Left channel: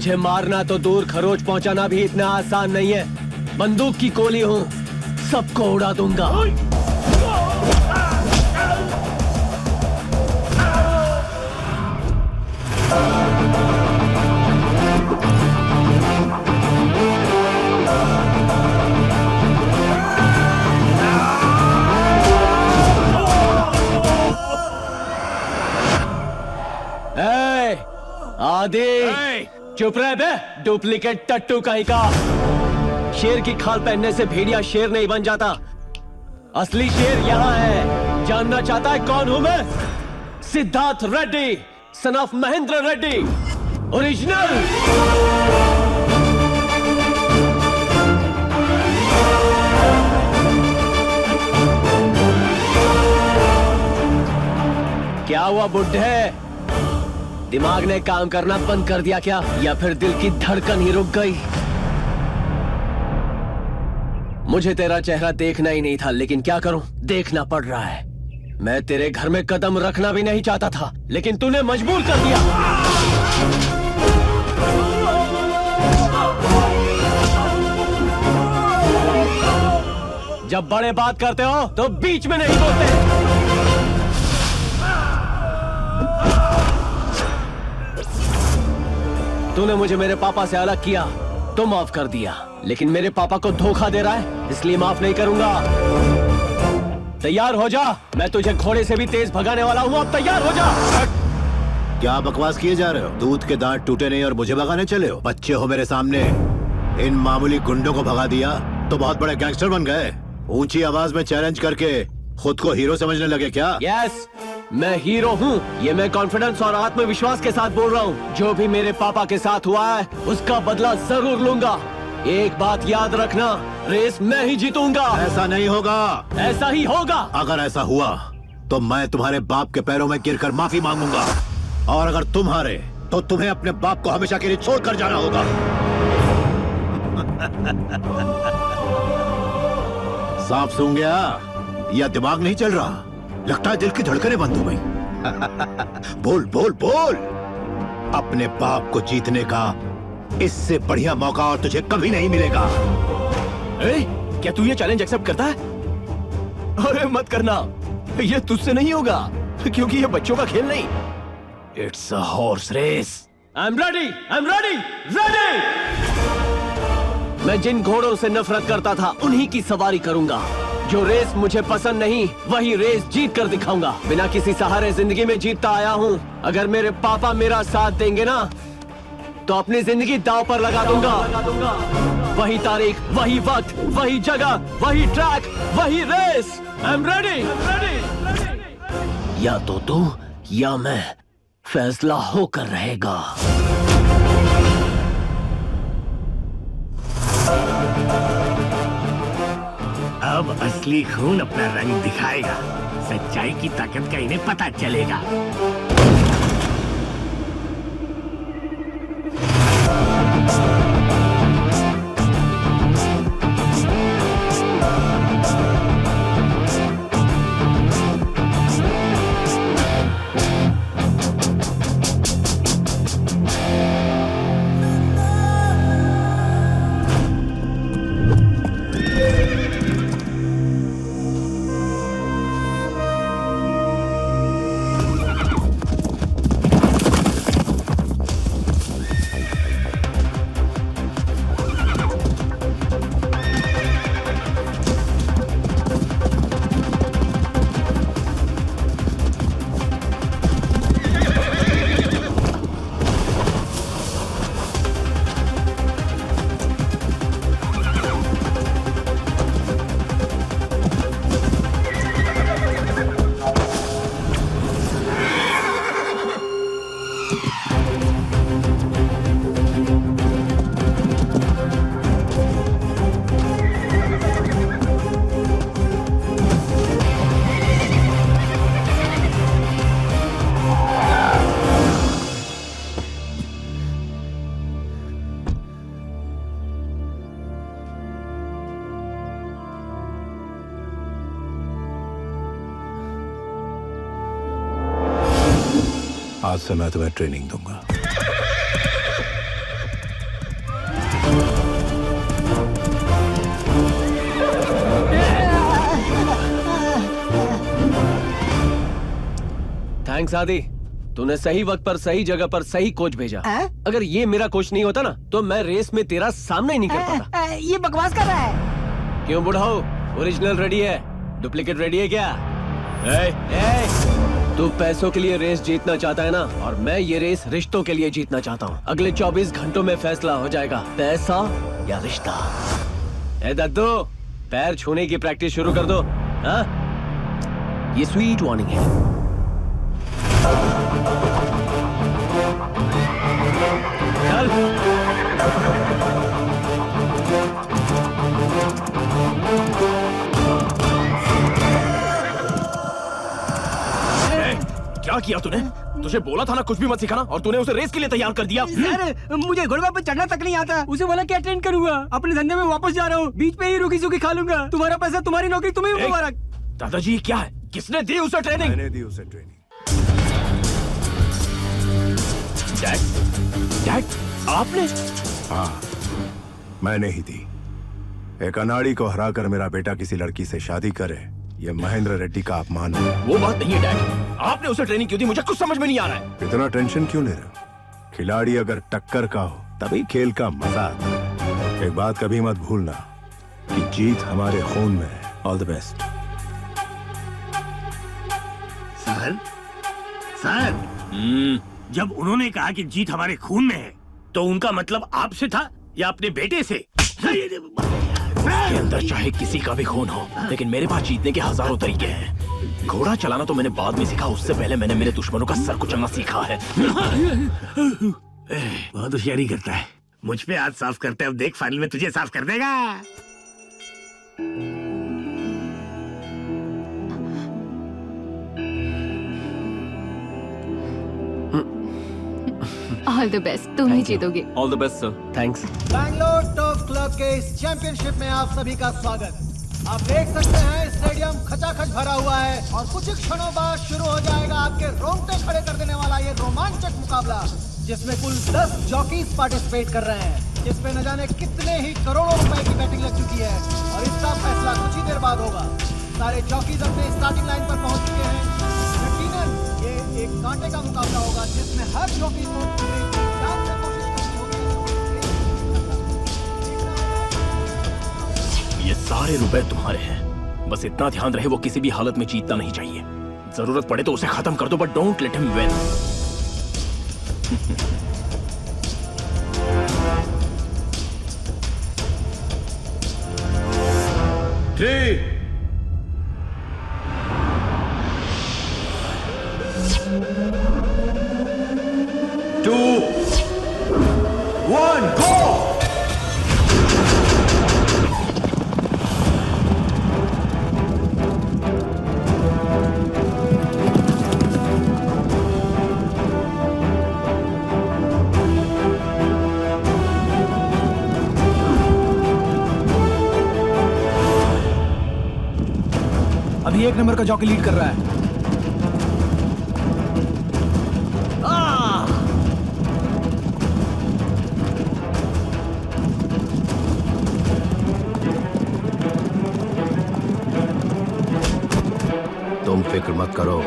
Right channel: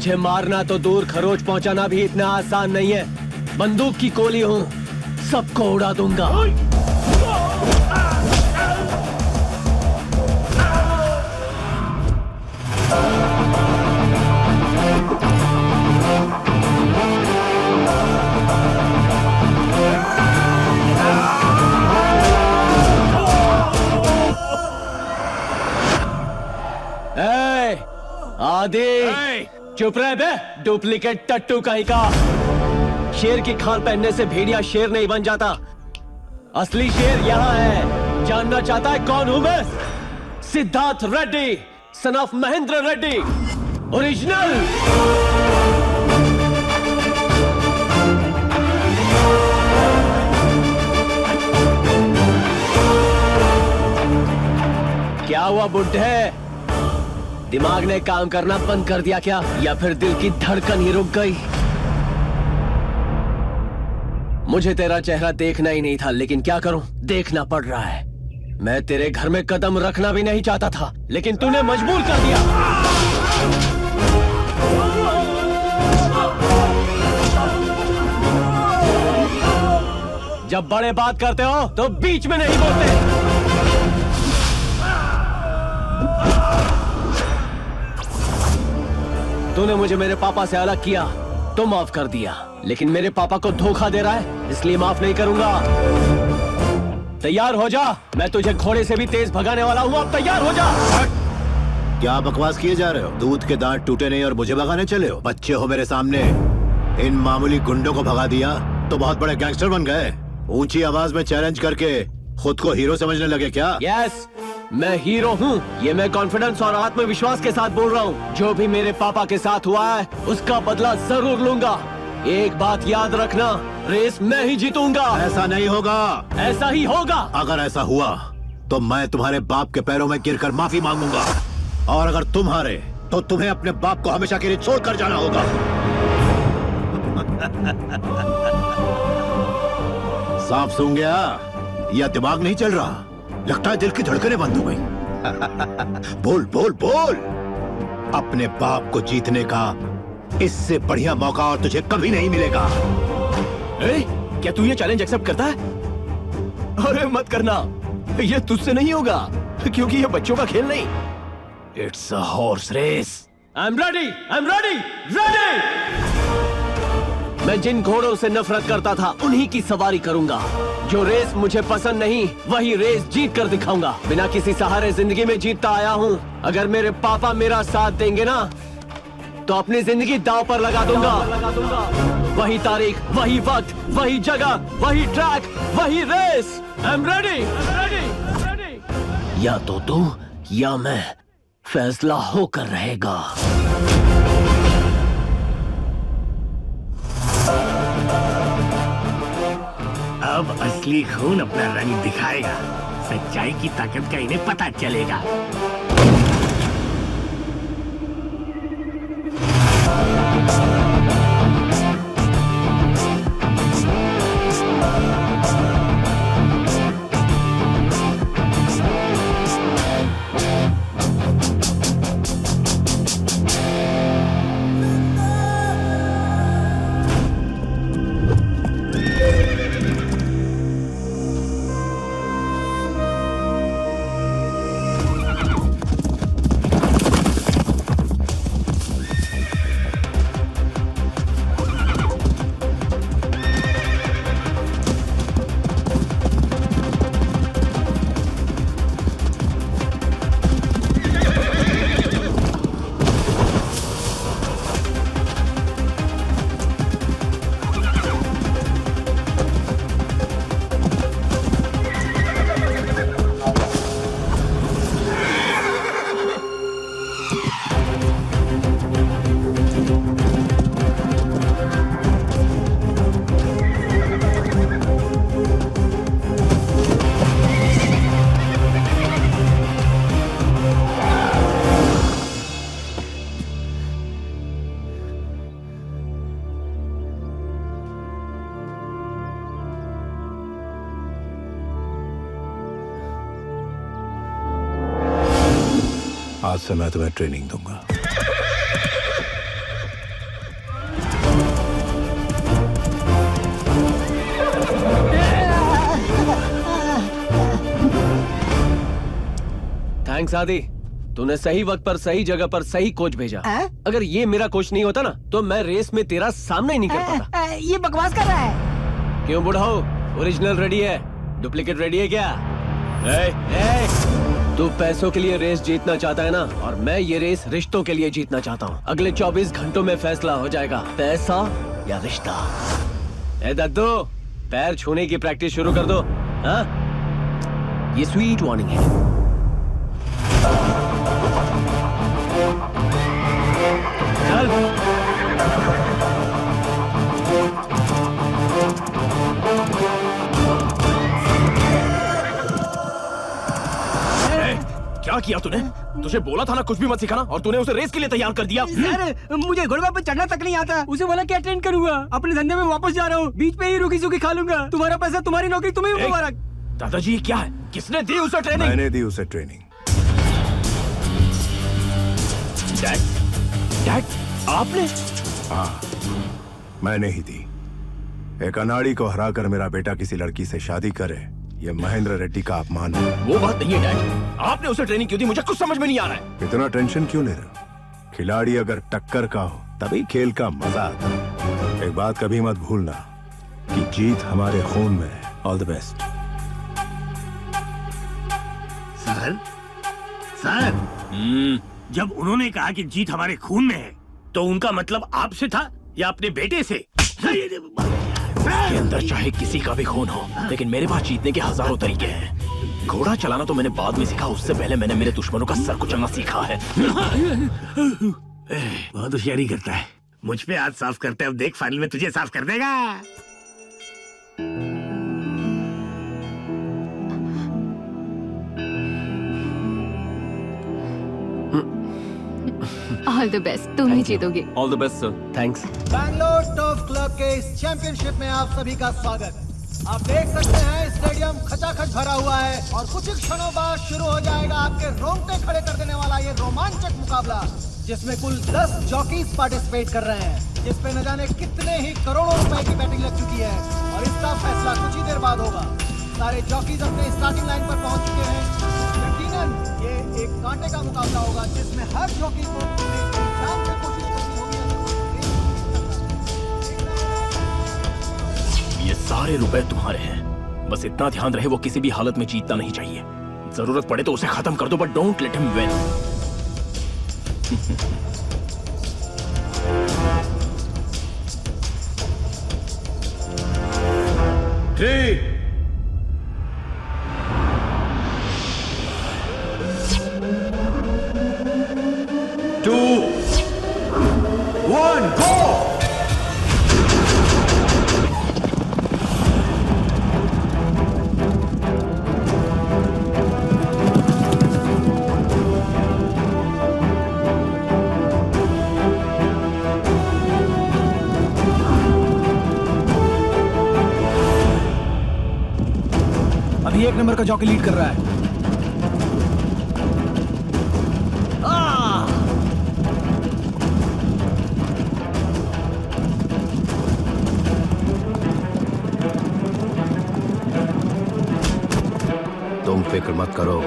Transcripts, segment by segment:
मुझे मारना तो दूर, खरोच पहुंचाना भी इतना आसान नहीं है। बंदूक की गोली हूँ, सबको उड़ा दूंगा। आदि चुप रहे बे, डुप्लीकेट टट्टू कहीं का। शेर की खाल पहनने से भेड़िया शेर नहीं बन जाता। असली शेर यहाँ है। जानना चाहता है कौन हूं मैं? Siddharth Reddy, son of Mahendra Reddy, original. क्या हुआ बुड्ढे? दिमाग ने काम करना बंद कर दिया क्या, या फिर दिल की धड़कन ही रुक गई? मुझे तेरा चेहरा देखना ही नहीं था, लेकिन क्या करूं, देखना पड़ रहा है। मैं तेरे घर में कदम रखना भी नहीं चाहता था, लेकिन तूने मजबूर कर दिया। जब बड़े बात करते हो तो बीच में नहीं बोलते। तूने मुझे मेरे पापा से अलग किया तो माफ कर दिया, लेकिन मेरे पापा को धोखा दे रहा है, इसलिए माफ नहीं करूंगा। तैयार हो जा, मैं तुझे घोड़े से भी तेज भगाने वाला हूँ। अब तैयार हो जा। क्या बकवास किए जा रहे हो? दूध के दांत टूटे नहीं और मुझे भगाने चले हो? बच्चे हो मेरे सामने। इन मामूली गुंडों को भगा दिया तो बहुत बड़े गैंगस्टर बन गए। ऊंची आवाज में चैलेंज करके खुद को हीरो समझने लगे क्या? यस, मैं हीरो हूँ। ये मैं कॉन्फिडेंस और आत्मविश्वास के साथ बोल रहा हूँ। जो भी मेरे पापा के साथ हुआ है उसका बदला जरूर लूंगा। एक बात याद रखना, रेस मैं ही जीतूंगा। ऐसा नहीं होगा। ऐसा ही होगा। अगर ऐसा हुआ तो मैं तुम्हारे बाप के पैरों में गिरकर माफी मांगूंगा, और अगर तुम हारे तो तुम्हें अपने बाप को हमेशा के लिए छोड़ कर जाना होगा। साफ सूंघ गया या दिमाग नहीं चल रहा? लगता है दिल की धड़कनें बंद हो गई। बोल बोल बोल। अपने बाप को जीतने का इससे बढ़िया मौका और तुझे कभी नहीं मिलेगा। क्या तू ये चैलेंज एक्सेप्ट करता है? अरे मत करना, ये तुझसे नहीं होगा, क्योंकि ये बच्चों का खेल नहीं। It's a horse race. I am ready, I am ready, ready. मैं जिन घोड़ों से नफरत करता था उन्हीं की सवारी करूंगा। जो रेस मुझे पसंद नहीं, वही रेस जीत कर दिखाऊंगा। बिना किसी सहारे जिंदगी में जीतता आया हूँ। अगर मेरे पापा मेरा साथ देंगे ना, तो अपनी जिंदगी दांव पर लगा दूंगा। वही तारीख, वही वक्त, वही जगह, वही ट्रैक, वही रेस। I am ready. या तो तू या मैं, फैसला होकर रहेगा। अब असली खून अपना रंग दिखाएगा। सच्चाई की ताकत का इन्हें पता चलेगा। आज से मैं तुम्हें ट्रेनिंग दूंगा। थैंक्स आदि, तूने सही वक्त पर सही जगह पर सही कोच भेजा। अगर ये मेरा कोच नहीं होता ना तो मैं रेस में तेरा सामना ही नहीं कर पाता। ये बकवास कर रहा है। क्यों बुढ़ाओ, ओरिजिनल रेडी है, डुप्लीकेट रेडी है क्या? तू पैसों के लिए रेस जीतना चाहता है ना, और मैं ये रेस रिश्तों के लिए जीतना चाहता हूँ। अगले 24 घंटों में फैसला हो जाएगा, पैसा या रिश्ता। ए दद्दू, पैर छूने की प्रैक्टिस शुरू कर दो। हाँ? ये स्वीट वार्निंग है। चल। क्या किया तूने? तुझे बोला था ना कुछ भी मत सिखाना, और तूने उसे रेस के लिए तैयार कर दिया। सर, मुझे घोड़े पे चढ़ना तक नहीं आता। उसे बोला क्या ट्रेन करूंगा, अपने धंधे में वापस जा रहा हूँ, बीच पे ही रुकी सुखी खा लूंगा। तुम्हारा पैसा, तुम्हारी नौकरी, तुम्हें मुबारक। दादाजी क्या है? किसने दी उसे ट्रेनिंग? मैंने दी उसे ट्रेनिंग। डैड, आपने? हाँ, मैंने ही दी। एक अनाड़ी को हराकर मेरा बेटा किसी लड़की से शादी करे, ये महेंद्र रेड्डी का अपमान है। वो बात नहीं है डैड, आपने उसे ट्रेनिंग क्यों दी? मुझे कुछ समझ में नहीं आ रहा है। इतना टेंशन क्यों ले रहे हो? खिलाड़ी अगर टक्कर का हो तभी खेल का मजा आता है। एक बात कभी मत भूलना कि जीत हमारे खून में है। All the best. सर, जब उन्होंने कहा कि जीत हमारे खून में है, तो उनका मतलब आपसे था या अपने बेटे से? उसके अंदर चाहे किसी का भी खून हो, लेकिन मेरे पास जीतने के हजारों तरीके हैं। घोड़ा चलाना तो मैंने बाद में सीखा, उससे पहले मैंने मेरे दुश्मनों का सर कुचलना सीखा है। बहुत होशियारी करता है। मुझ पे हाथ साफ करते, अब देख फाइनल में तुझे साफ कर देगा। ऑल द बेस्ट, तुम ही जीतोगे। All the best sir. Thanks. Bangalore top club के इस चैंपियनशिप में आप सभी का स्वागत। आप देख सकते हैं स्टेडियम खचाखच भरा हुआ है और कुछ ही क्षणों बाद शुरू हो जाएगा आपके रोंगटे खड़े कर देने वाला ये रोमांचक मुकाबला, जिसमें कुल 10 जॉकीज पार्टिसिपेट कर रहे हैं, जिसमें न जाने कितने ही करोड़ों रुपए की बैटिंग लग चुकी है और इसका फैसला कुछ ही देर बाद होगा। सारे जॉकीज अपने स्टार्टिंग लाइन पर पहुंच चुके हैं। यकीनन ये एक कांटे का मुकाबला होगा, जिसमें हर जॉकी को पूरे जान से कोशिश करनी होगी। ये सारे रुपए तुम्हारे हैं, बस इतना ध्यान रहे वो किसी भी हालत में जीतना नहीं चाहिए। जरूरत पड़े तो उसे खत्म कर दो, but don't let him win. 3, 2, 1, go! अभी 1 नंबर का जॉकी लीड कर रहा है। तुम फिक्र मत करो,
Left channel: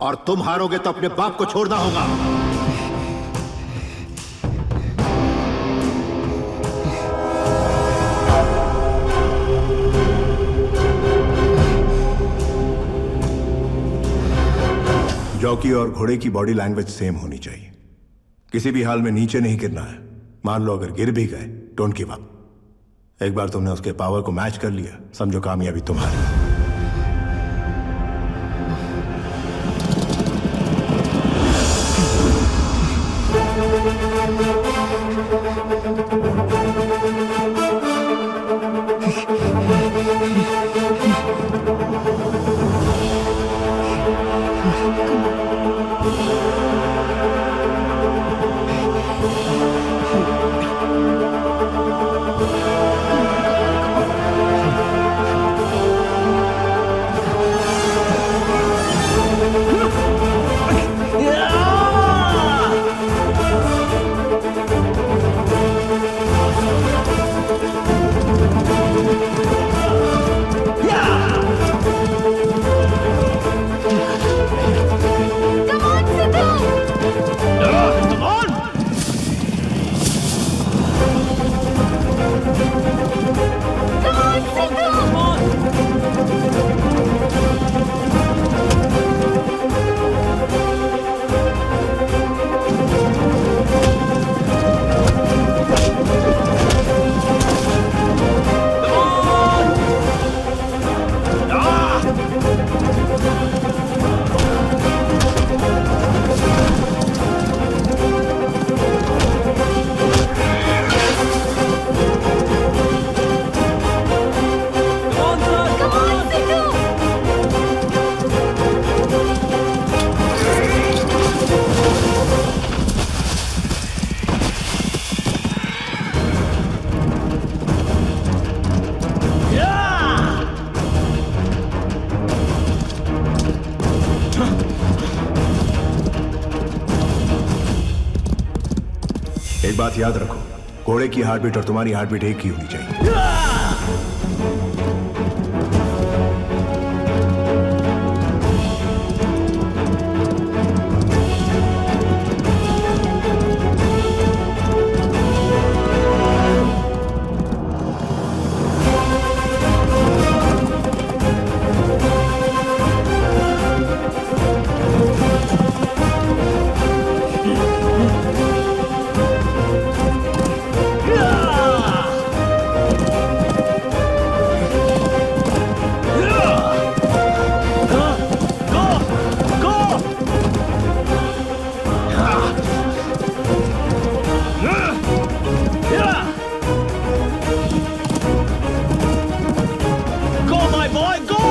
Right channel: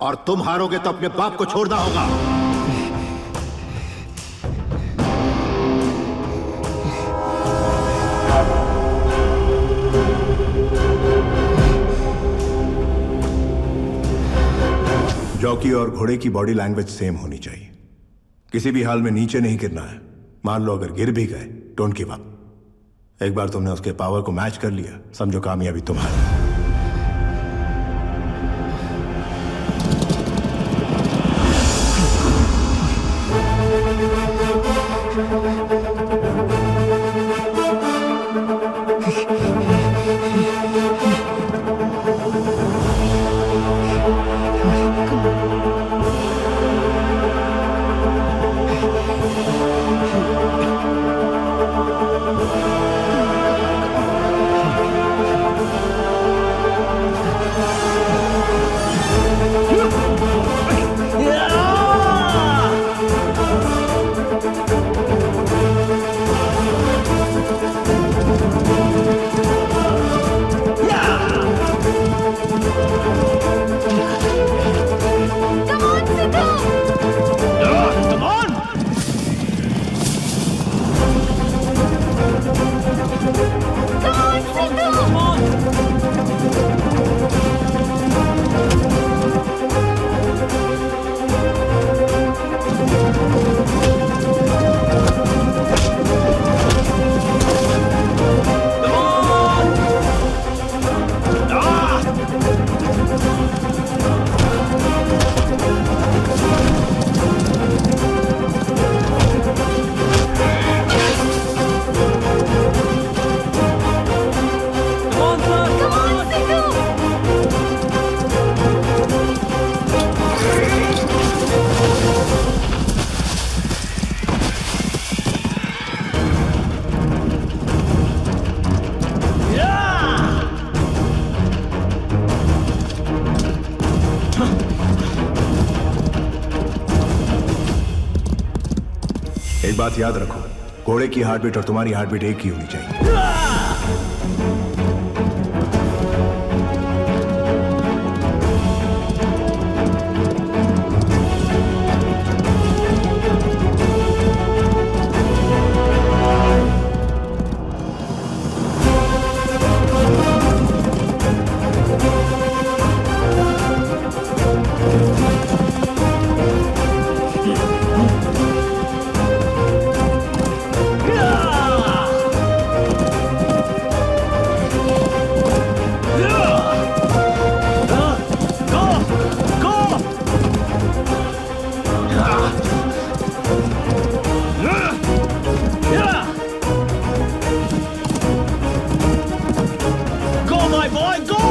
और तुम हारोगे तो अपने बाप को छोड़ना होगा। जॉकी और घोड़े की बॉडी लैंग्वेज सेम होनी चाहिए। किसी भी हाल में नीचे नहीं गिरना है। मान लो अगर गिर भी गए, डोंट गिव अप। एक बार तुमने उसके पावर को मैच कर लिया, समझो कामयाबी तुम्हारी। Come on, Sidhu! Come on! Come on, Sidhu! Come on! Ah! Come on, son! Come on, Sidhu! Yeah! एक बात याद रखो, घोड़े की हार्ट बीट और तुम्हारी हार्ट बीट एक ही होनी चाहिए। Go, my boy, go!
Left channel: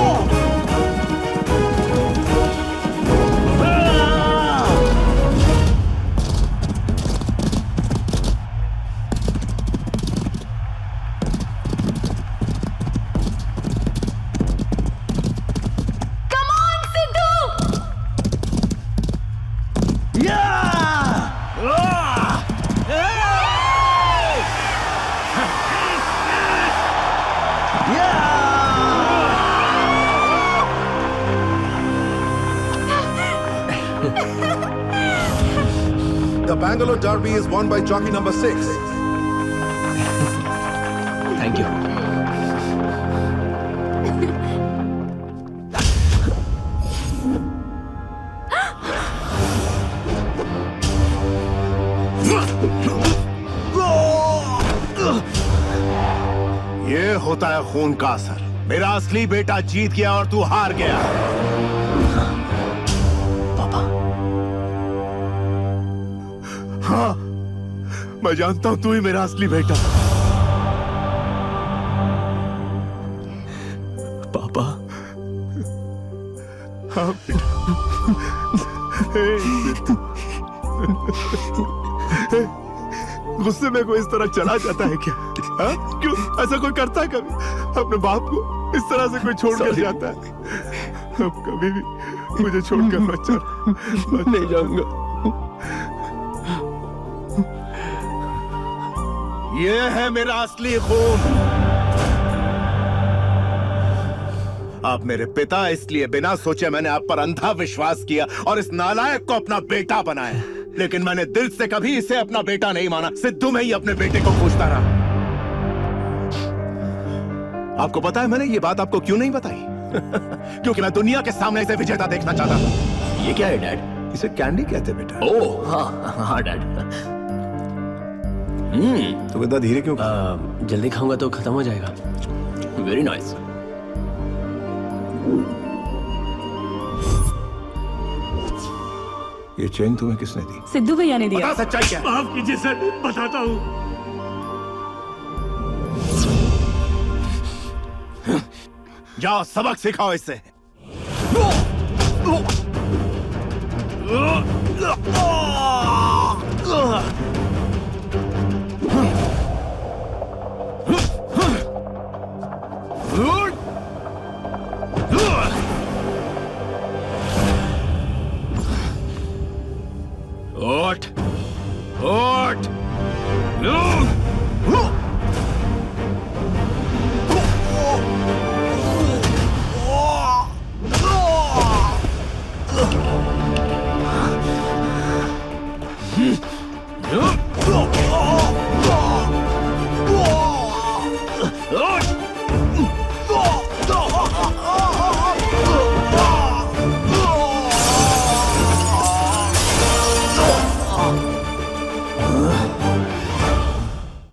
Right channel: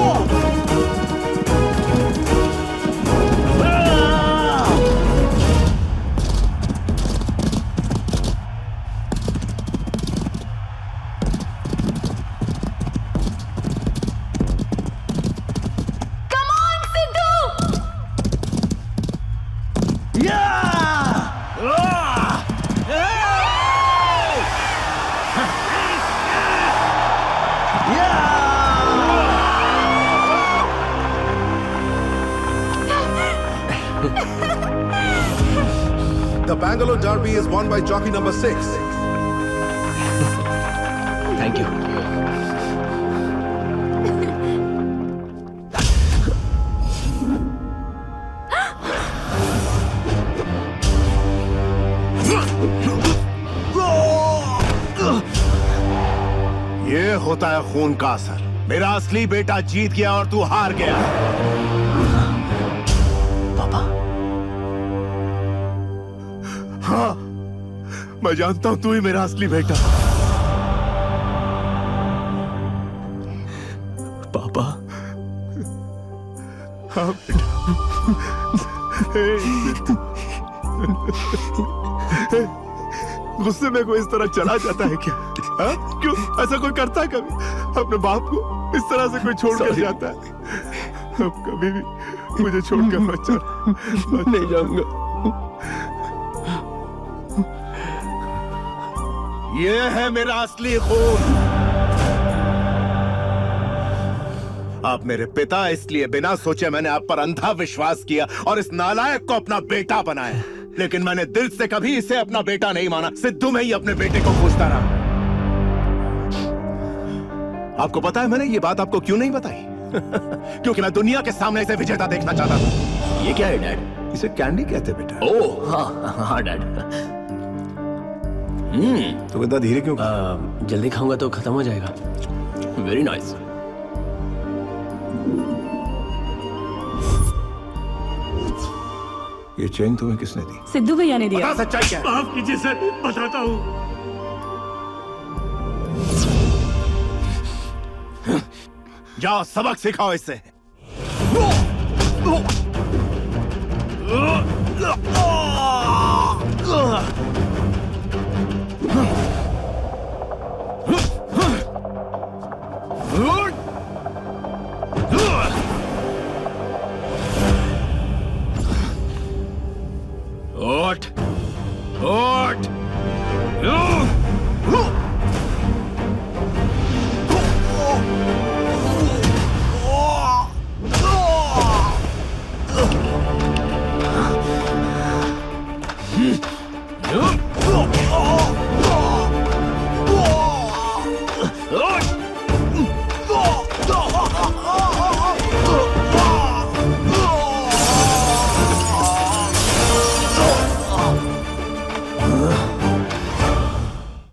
Come on, Sidhu! Yeah! The Bangalore Derby is won by jockey number 6. Thank you. ये होता है खून का असर। मेरा असली बेटा जीत गया और तू हार गया। पापा, हाँ, मैं जानता हूं तू ही मेरा असली बेटा। पापा, हाँ बेटा। गुस्से में कोई इस तरह चला जाता है क्या? हाँ? क्यों ऐसा कोई करता है कभी? अपने बाप को इस तरह से कोई छोड़कर जाता है? अब कभी भी मुझे छोड़कर मत चल। नहीं जाऊंगा। ये है मेरा असली खून। आप मेरे पिता, इसलिए बिना सोचे मैंने आप पर अंधा विश्वास किया और इस नालायक को अपना बेटा बनाया। लेकिन मैंने दिल से कभी इसे अपना बेटा नहीं माना। सिद्धू में ही अपने बेटे को खोजता रहा। आपको पता है मैंने ये बात आपको क्यों नहीं बताई? क्योंकि मैं दुनिया के सामने इसे विजेता देखना चाहता था। ये क्या है डैड? इसे कैंडी कहते बेटा। ओह हाँ हाँ डैड। तू इतना धीरे क्यों? जल्दी खाऊंगा तो खत्म हो जाएगा। Very nice. ये चेन तुम्हें किसने दी? सिद्धू भैया ने दिया। बता सच्चाई क्या है? माफ कीजिए सर, बताता हूँ। जाओ सबक सिखाओ इससे।